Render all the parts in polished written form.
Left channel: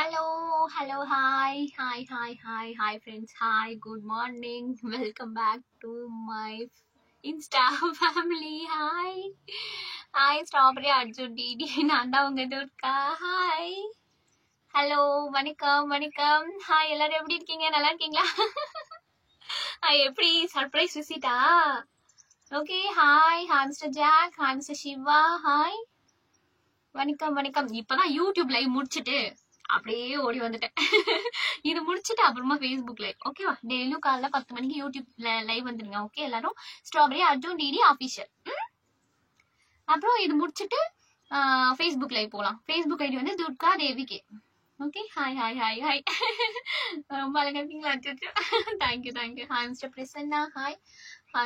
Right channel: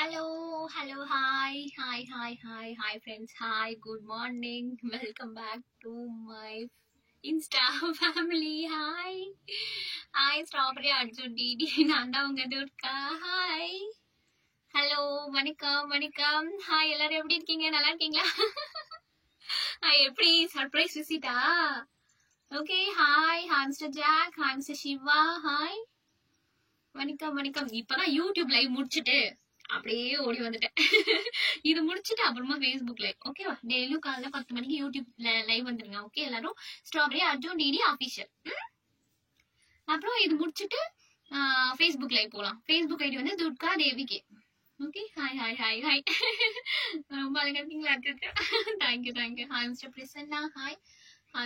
Hello, hi, friends, hi, good morning, welcome back to my Insta family, hi, Strawberry Arjun Didi, Nanda Unga Durka, hi, hello, வணக்கம், hi, எல்லாரும் எப்படி இருக்கீங்க, நல்லா இருக்கீங்களா? எப்படி surprise விசிட்டா? Okay, hi mister Jack, hi mister Siva, hi, வணக்கம். இப்பதான் யூடியூப் லைவ் முடிச்சுட்டு அப்படியே ஓடி வந்துட்டேன். இது முடிச்சுட்டு அப்புறமா ஃபேஸ்புக் லைவ், ஓகேவா? டெய்லியும் காலைல 10 மணிக்கு யூடியூப் லைவ் வந்துருங்க, ஓகே? எல்லாரும் ஸ்ட்ராபெரி அர்ஜுன் டிடி ஆஃபீஷியல். அப்புறம் இது முடிச்சுட்டு ஃபேஸ்புக் லைவ் போகலாம். ஃபேஸ்புக் ஐடி வந்து துர்கா தேவிகே. Okay, hi. ரொம்ப அழகா இருக்கீங்களா? Thank you. Hi mister Prasanna, hi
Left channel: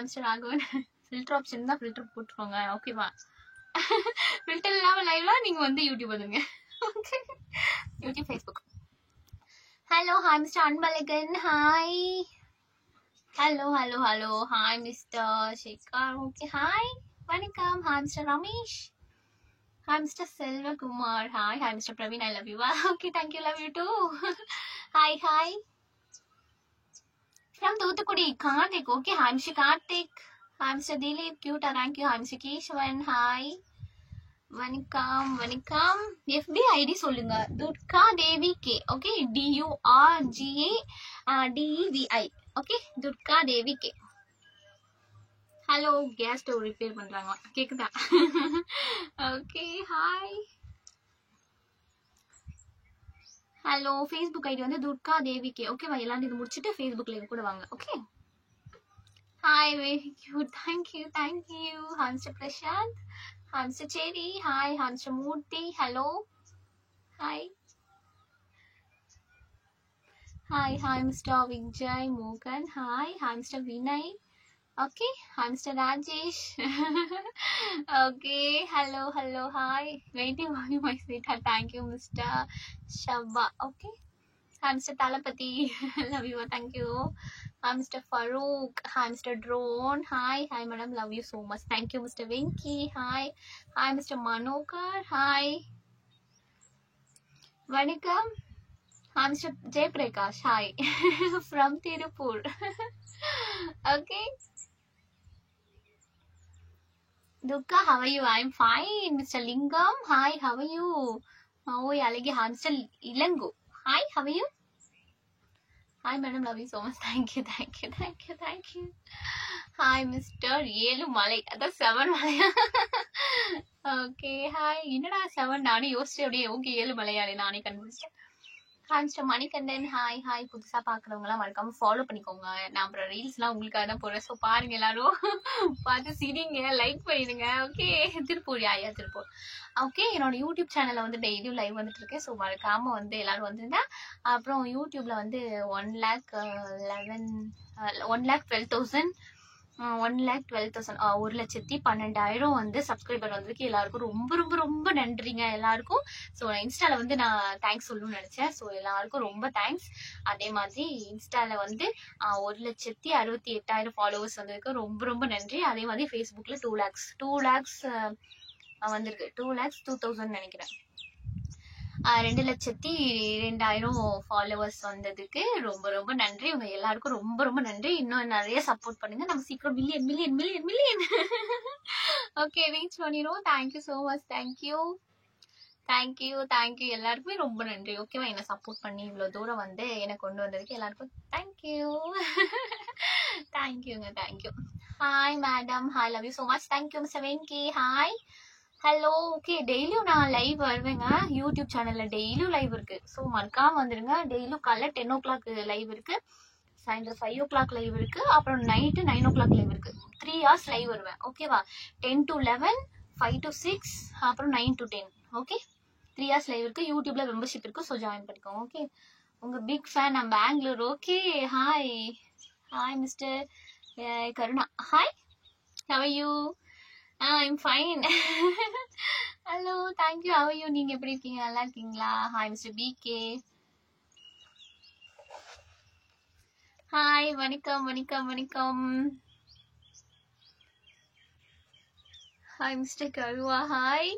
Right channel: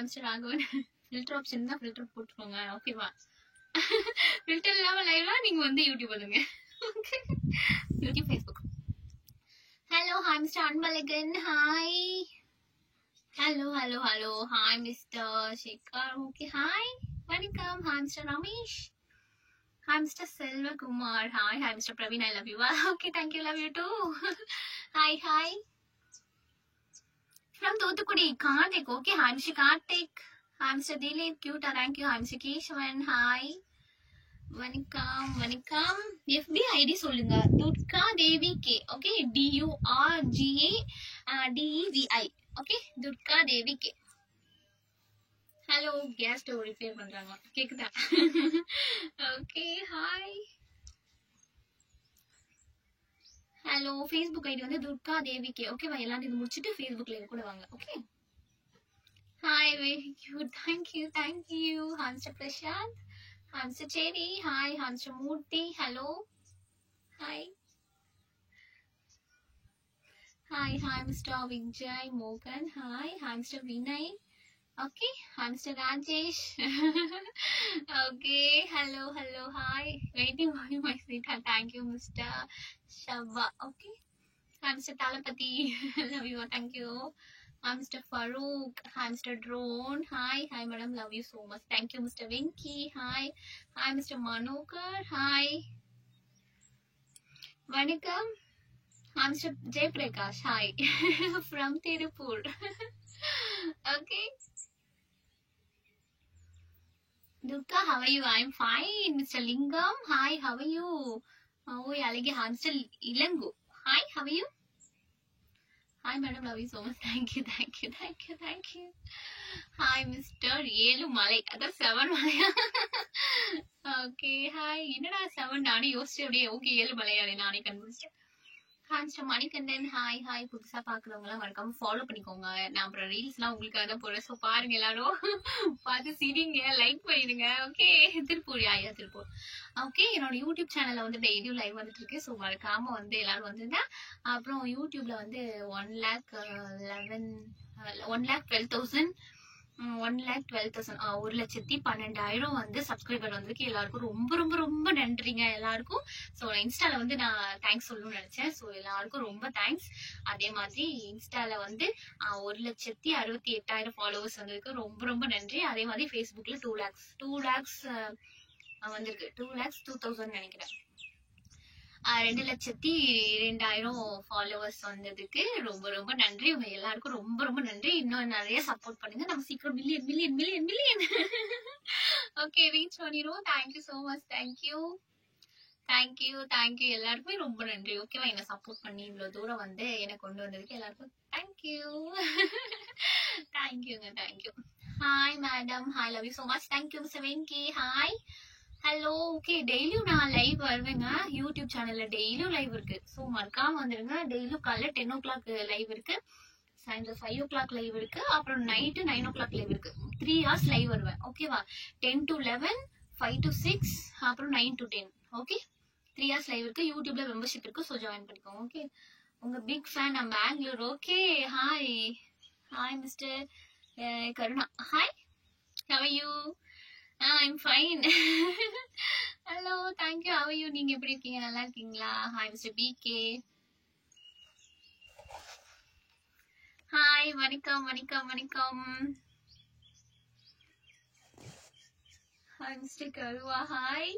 mister Raghavan. Filter option தான் ஃபில்டர் போட்டுருவாங்க, ஓகேவா? ஃபில்டர் இல்லாமல் லைவ்ல நீங்க வந்து யூடியூப் வந்துருங்க, okay? YouTube, Facebook. Hello, hi mister Anbazhagan, hi. Hello, hi mister Shekar, okay, hi, வணக்கம். Hi mister Ramesh, hi mister Selvakumar, hi mister Praveen, I love you, okay, thank you, love you too. Hi from Thoothukudi, Karthik, okay, hi mister Karthik, hi mister Dileep, கியூட்டா, thank you, hi mister Keshavan, hi, வணக்கம். FB ID சொல்லுங்க, Durga Devi K, okay? DURGADEVI, okay? Durga Devi K. Hello, gas stove repair பண்றாங்க, கேக்குதா? Okay, hi. Hello, Facebook ID வந்து Durga Devi K, ஓகேவா? எல்லாரும் இது முடிச்சுட்டு ஃபேஸ்புக் லைவ் கூட வாங்க, okay? Hi, very cute, thank you. Hi mister Prasanth, hi mister Cheri, hi mister Murthy, hello, hi mister Vijay மோகன், hi mister Vinay, okay, hi mister Rajesh, okay, hello, hi, waiting for you my sweet heart, thank you mister Shaba, okay, hi mister Thalapathy, love you, thank you. Hi Mr. Farouk, hi Mr. Drone, hi madam, love you so much, thank you Mr. Venki, hi Mr. Manokar, hi, vanakkam, hi Mr. Jayprakash, hi from Tirupur, okay. Dukka, how are you? I'm fine. Mr. Lingam, hi, how are you? Oh, alagi, hi Mr. Ilangu, hi, how are you? Hi madam, love you so much, thank you. Hi Mr. Ezhumalai, அதான் 7 மலையா? Okay, hi. என்னடா 7 நானே யோசிச்சு அப்படியே okay ஏழுமலையானே நானே கண்டுபிடிச்சேன். Hi mister Manikandan, hi. புதுசா பாக்குறவங்கலாம் மறக்காம ஃபாலோ பண்ணிக்கோங்க. நான் அப்புறம் ரீல்ஸ்லாம் உங்களுக்காக தான் போடுறேன், ஸோ பாருங்க, எல்லாரும் பார்த்து சிரிங்க, லைக் பண்ணிடுங்க, ஓகே? திருப்பூர், ஓகே. என்னோட யூடியூப் சேனல்ல வந்து டெய்லியும் லைவ் வந்துட்டு இருக்கேன், ஸோ மறக்காம வந்து எல்லாரும் வந்துருங்க. அப்புறம் யூடியூப்ல வந்து 1,12,000 1,12,000 வந்து சப்ஸ்கிரைபர் வந்ததுக்கு எல்லாருக்கும் ரொம்ப நன்றிங்க எல்லாருக்கும். ஸோ நான் இன்ஸ்டால வந்து நான் தேங்க்ஸ் சொல்லணும்னு நினைச்சேன், ஸோ எல்லாருக்கும் ரொம்ப தேங்க்ஸ். அதே மாதிரி இன்ஸ்டால வந்து 1,68,000 ஃபாலோவர்ஸ் வந்ததுக்கு ரொம்ப நன்றி. அதே மாதிரி ஃபேஸ்புக்ல 2 lakhs வந்திருக்கு, 2,02,000 நினைக்கிறேன். 2,02,000 ஃபாலோவர்ஸ் வந்ததுக்கு ரொம்ப நன்றி. உங்க எல்லாருக்கும் ரொம்ப நன்றி. இன்னும் நிறைய சப்போர்ட் பண்ணுங்க, நம்ம சீக்கிரம் மில்லியன் ஓகே ரீச் பண்ணிடுவோம். தேங்க்யூ ஸோ மச், தேங்க்யூ எல்லாருக்குமே ரொம்ப நன்றி, ஓகேவா? என்ன சப்போர்ட் பண்ணி இவ்வளோ தூரம் வந்து என்னை கொண்டு வந்ததுக்கு எல்லாருக்கும் thank you. Thank you. Hi madam, hi, love you so much, thank you mister Venky, hi. Hello, okay. டெய்லியும் நான் லைவ் வருவேங்க, யூடியூப் சேனல்ல டெய்லியும் லைவ் இருக்கு, ஸோ மறக்காம வந்துருங்க. டெய்லியும் காலைல 10 o'clock லைவ் இருக்கு, சாயந்தரம் 5 o'clock லைவ் இருக்கு, அப்புறம் நைட்டு 9 o'clock லைவ் இருக்கு. 3 hours லைவ் வருவேன், ஓகேவா? 10 to 11, 5 to 6, அப்புறம் 9 to 10, ஓகே? 3 hours லைவ் இருக்கு. யூடியூப்ல மெம்பர்ஷிப் இருக்கு, ஸோ ஜாயின் பண்ணிக்கோங்க, ஓகே? உங்க பிக் ஃபேன், நான் Bangalore, okay? Hi mister Karuna, hi, how are you? I'm fine. Hello, thank you, how are you? நீங்க எப்படி இருக்கீங்க, நல்லா இருக்கீங்களா? ஹாய் மிஸ்டர் பிகே, ஹாய், வணக்கம். Hi mister Karuva, hi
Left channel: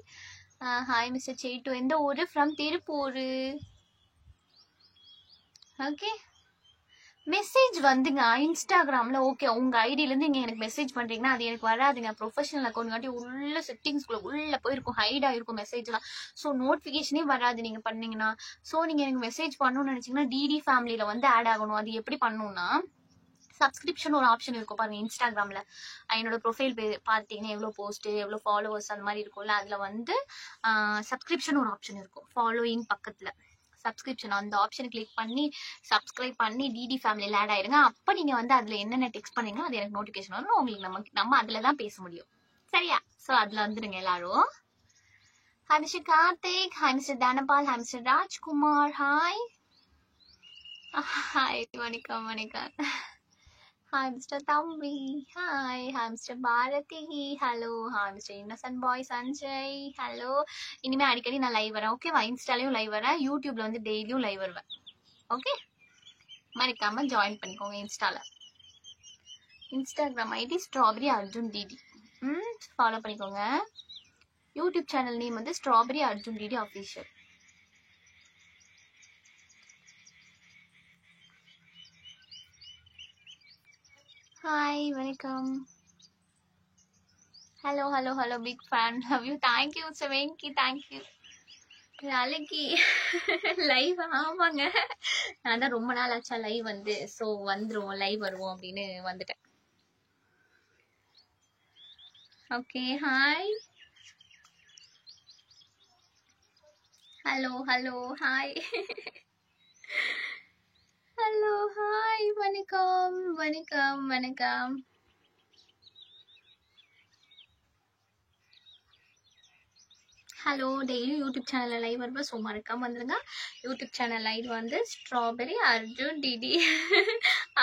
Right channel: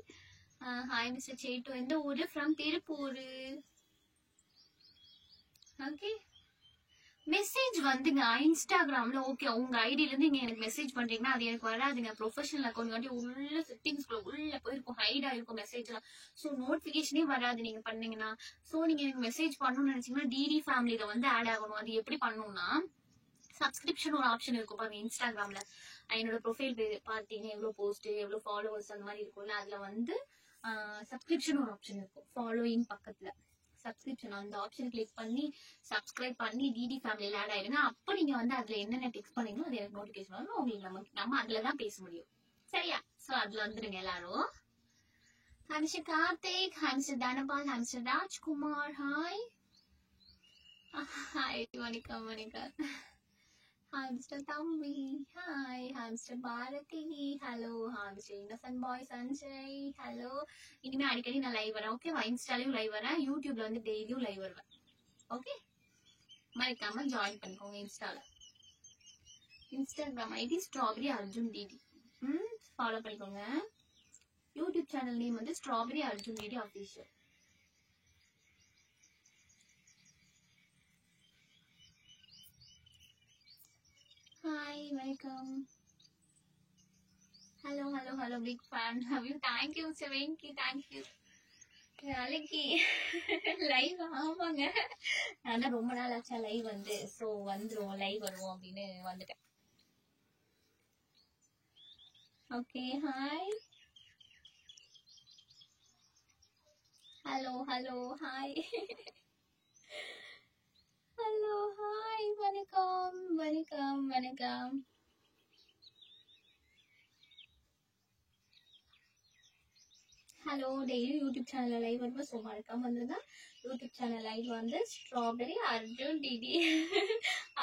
mister Settu, எந்த ஊரு? ஃப்ரம் திருப்பூர், ஓகே, மெசேஜ் வந்துங்க இன்ஸ்டாகிராமில் ஓகே உங்கள் ஐடியிலேருந்து இங்கே எனக்கு மெசேஜ் பண்ணுறீங்கன்னா அது எனக்கு வராதுங்க. ப்ரொஃபஷனல் அக்கௌண்ட் காட்டி உள்ள செட்டிங்ஸ்குள்ளே உள்ளே போயிருக்கும், ஹைட் ஆகிருக்கும் மெசேஜ்லாம். ஸோ நோட்டிஃபிகேஷனே வராது நீங்கள் பண்ணீங்கன்னா. ஸோ நீங்கள் எனக்கு மெசேஜ் பண்ணணும்னு நினச்சிங்கன்னா டிடி ஃபேமிலியில் வந்து ஆட் ஆகணும். அது எப்படி பண்ணணும்னா சப்ஸ்கிரிப்ஷன் ஒரு ஆப்ஷன் இருக்கும் பாருங்க இன்ஸ்டாகிராமில். என்னோட ப்ரொஃபைல் பார்த்தீங்கன்னா எவ்வளோ போஸ்ட்டு எவ்வளோ ஃபாலோவர்ஸ் அந்த மாதிரி இருக்கும்ல, அதில் வந்து சப்ஸ்கிரிப்ஷன் ஒரு ஆப்ஷன் இருக்கும் ஃபாலோயிங் பக்கத்தில். சப்ஸ்கிரிப்ஷன் அந்த ஆப்ஷனை கிளிக் பண்ணி சப்ஸ்கிரைப் பண்ணி டிடி ஃபேமிலியில் ஆட் ஆயிருங்க. அப்போ நீங்கள் வந்து அதில் என்னென்ன டெக்ஸ்ட் பண்ணீங்களோ அது எனக்கு நோட்டிஃபிகேஷன் வரும். உங்களுக்கு நம்ம அதில் தான் பேச முடியும். சரியா? ஸோ அதில் வந்துடுங்க எல்லாரும். Hi mister Karthik, hi mister Dhanapal, hi mister Rajkumar, hi hi வணக்கம் வணக்கம். Hi, Mr. Thambi. Hi, hi, Mr. Bharati. Hello, hi, Mr. Innocent Boy Sanjay. Hello. இனிமே அடிக்கடி நான் லைவ் வரேன். ஓகேவா? இன்ஸ்டாலையும் லைவ் வரேன், யூடியூப்ல வந்து டெய்லியும் லைவ் வருவேன். ஓகே, மறக்காம ஜாயின் பண்ணிக்கோங்க இன்ஸ்டால. Instagram ID strawberry Arjun DD. Follow பண்ணிக்கோங்க. யூடியூப் சேனல் நேம் வந்து strawberry Arjun DD official. Hi வணக்கம். Hello hello hello, big fan, love you. Thank you mister Venky, thank you. நாளைக்கு லைவ், ஆமாங்க நான் தான் ரொம்ப நாள் ஆச்சா லைவ் வந்து, ஸோ வந்துருவோம் லைவ் வருவோம் அப்படின்னு வந்துட்டேன். Okay, hi hello hello hi hello hi வணக்கம் வணக்கம் வணக்கம். ஹலோ, டெய்லியும் யூடியூப் சேனலில் லைவ் வருவேன், ஸோ மறக்காம வந்துடுங்க. யூடியூப் சேனல் லைவ் வந்து strawberry Arjun DD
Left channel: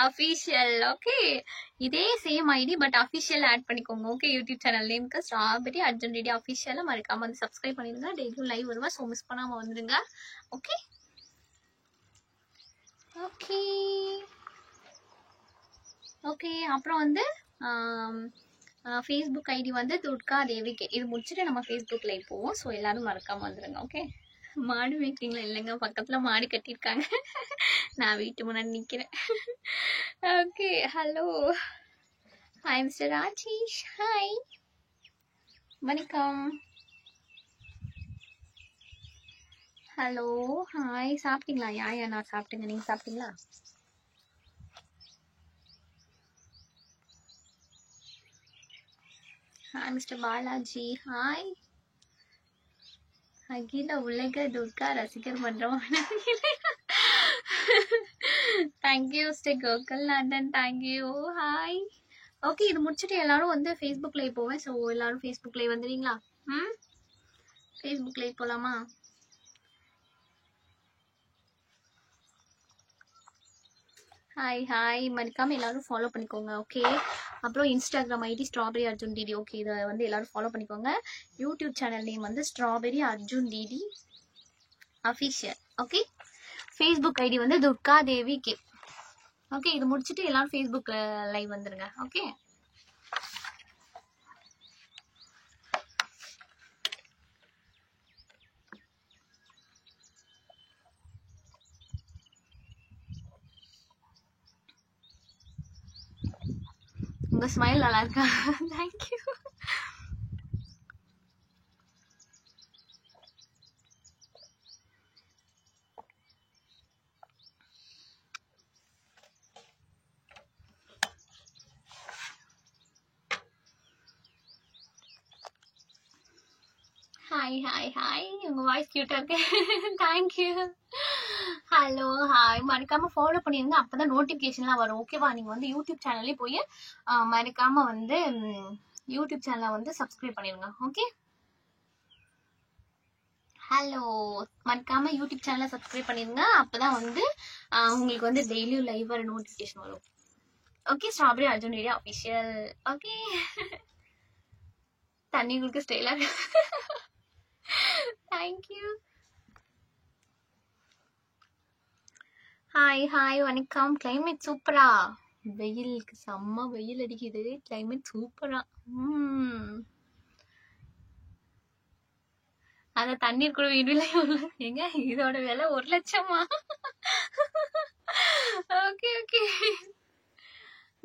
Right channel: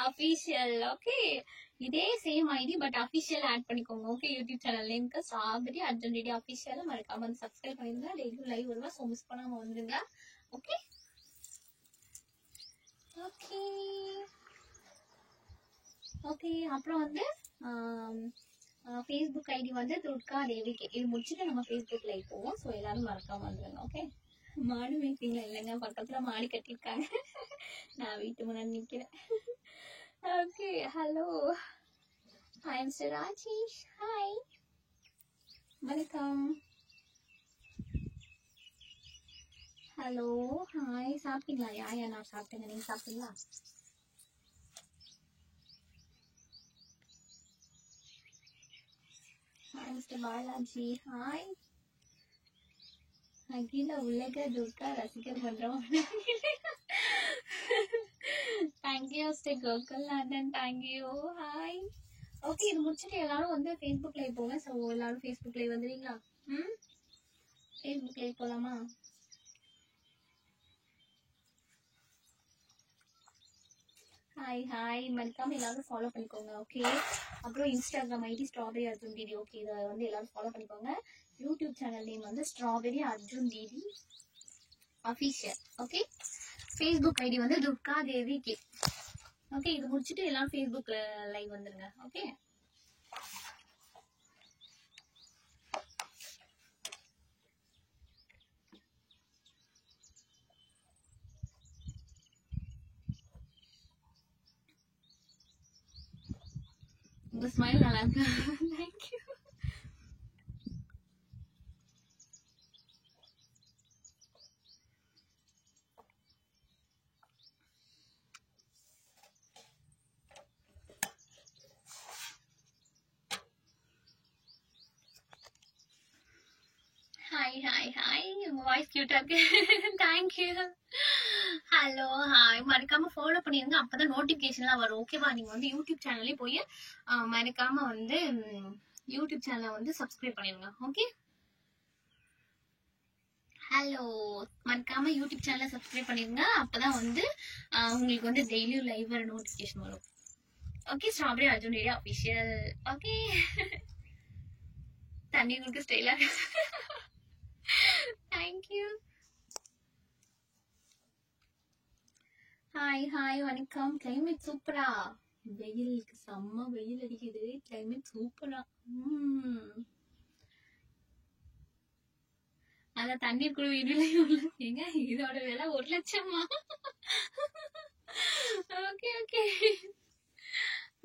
official. Okay, இதே same ID but official add பண்ணிக்கோங்க. ஓகே, யூடியூப் சேனல் நேமுக்கு ஸ்ட்ராபெரி அர்ஜுன் டிடி அஃபிஷியலாக மறக்காம வந்து சப்ஸ்கிரைப் பண்ணிடுங்க. டெய்லியும் லைவ் வருவேன், ஸோ மிஸ் பண்ணாமல் வந்துடுங்க. Okay okay okay. அப்புறம் வந்து ஃபேஸ்புக் ஐடி வந்து துர்கா தேவிகே. இது முடிச்சுட்டு நம்ம ஃபேஸ்புக் லைவ் போவோம், ஸோ எல்லாரும் மறக்காம வந்துடுங்க. ஓகே, மாடு மேய்க்கிறீங்களா? இல்லைங்க, பக்கத்தில் மாடு கட்டியிருக்காங்க, நான் வீட்டு முன்னாடி நிற்கிறேன். Okay, hello hi mister Rajesh, hi வணக்கம். ஹலோ ஹாய், சாப்பிட்டீங்களா? யா நான் சாப்பிட்டேங்க, நீங்கள் சாப்பிட்டீங்களா? Hi mister Balaji, hi. அகில உலக துர்கா ரசிகர் மன்றம். Thank you mister Gokulnathan, thank you. Hi. Okay, இது முடிச்சுட்டு எல்லாரும் வந்து ஃபேஸ்புக் லைவ் போவேன், ஸோ எல்லாரும் ஃபேஸ்புக் லைவ் வந்துடுறீங்களா? ஃபேஸ்புக் லைவ் போகலாமா? ஹாய் ஹாய், மறக்காம எல்லாரும் ஃபாலோ பண்ணிக்கோங்க. ஓகே, அப்புறம் Instagram ID strawberry Arjun DD. Okay, இதை வந்து எல்லாரும் ஃபாலோ பண்ணிக்கோங்க. யூடியூப் சேனல் நேம் வந்து strawberry Arjun DD official. Okay, Facebook ID வந்து துர்கா தேவி கே. ஓகே, இது முடிச்சுட்டு எல்லாரும் ஃபேஸ்புக் லைவ் வந்துருங்க. ஓகே, உங்க ஸ்மைல் நல்லா இருக்கா? தேங்க்யூ. ஹாய் ஹாய் ஹாய், உங்கள் வாய்ஸ் க்யூட்டாக இருக்கு, தேங்க்யூ. ஹலோ ஹாய், மறக்காமல் ஃபாலோ பண்ணிடுங்க, அப்போ தான் நோட்டிஃபிகேஷன்லாம் வரும். ஓகேவா? நீங்கள் வந்து யூடியூப் சேனல்லே போய் மறக்காமல் வந்து யூடியூப் சேனலை வந்து சப்ஸ்கிரைப் பண்ணிடுங்க. ஓகே, ஹலோ, மறக்காமல் யூடியூப் சேனலை சப்ஸ்கிரைப் பண்ணிடுங்க, அப்போ தான் வந்து உங்களுக்கு வந்து டெய்லியும் லைவ் வர நோட்டிஃபிகேஷன் வரும். Okay, strawberry Arjun DD official. Okay, தண்ணி குடிக்க ஸ்டைலாக இருக்கு, தேங்க்யூ. ஹாய் ஹாய் வணக்கம். கிளைமேட் சூப்பரா, வெயிலுக்கு செம்ம வெயில் அடிக்குது, கிளைமேட் சூப்பரா. அத தண்ணீர் கூட விலை எங்க இதோட விலை 1 லட்சமா? ஓகே ஓகே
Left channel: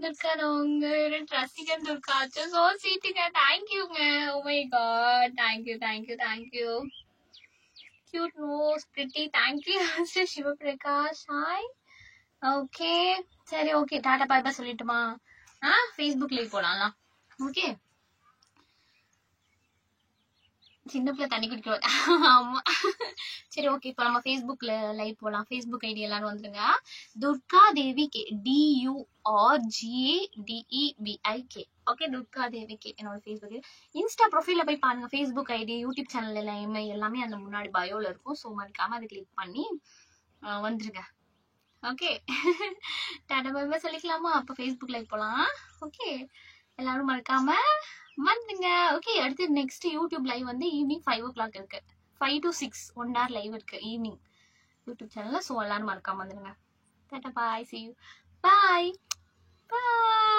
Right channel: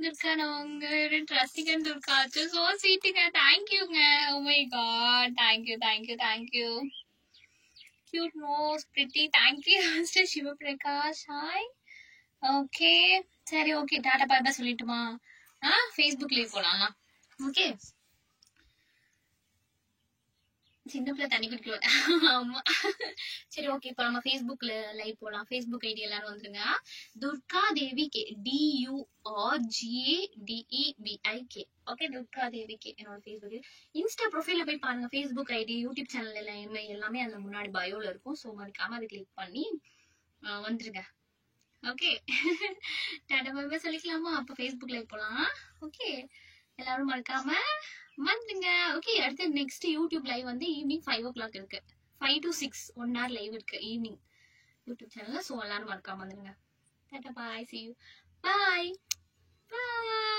துர்கா நான் உங்க ரசிகன் துர்கா சோ ஸ்வீட்டுங்க. தேங்க்யூங்க. Oh my god, thank you thank you thank you. Cute nose pretty. Thank you mister Sivaprakash. Hi. Okay சரி ஓகே டாடா பாய் பாய் சொல்லிட்டுமா? ஃபேஸ்புக் லைவ் போலாம்லாம். ஓகே சின்ன பிள்ளை தண்ணி குடிக்கணும். ஆமா சரி ஓகே இப்போ நம்ம ஃபேஸ்புக்ல லைவ் போலாம். ஃபேஸ்புக் ஐடி எல்லாரும் வந்துருங்க. Durga Devi K, DURGADEVIK. Okay Durga Devi K என்னோட ஃபேஸ்புக். இன்ஸ்டா ப்ரொஃபைல போய் பாருங்க. ஃபேஸ்புக் ஐடி, யூடியூப் சேனல் எல்லாமே அந்த முன்னாடி பயோல இருக்கும். ஸோ மறக்காம அதை கிளிக் பண்ணி வந்துருங்க. ஓகே டாடா பாய் பாய் சொல்லிக்கலாமா? அப்போ ஃபேஸ்புக் லைவ் போலாம். ஓகே எல்லாரும் மறக்காம வந்துங்க. ஓகே அடுத்து நெக்ஸ்ட் யூடியூப் லைவ் வந்து ஈவினிங் 5 o'clock இருக்கு. 5 to 6 1 hour லைவ் இருக்கு ஈவினிங் யூடியூப் சேனல்ல. ஸோ எல்லாரும் மறக்காம வந்துருங்க. டாடா பாய், see you, பாய் பாய்.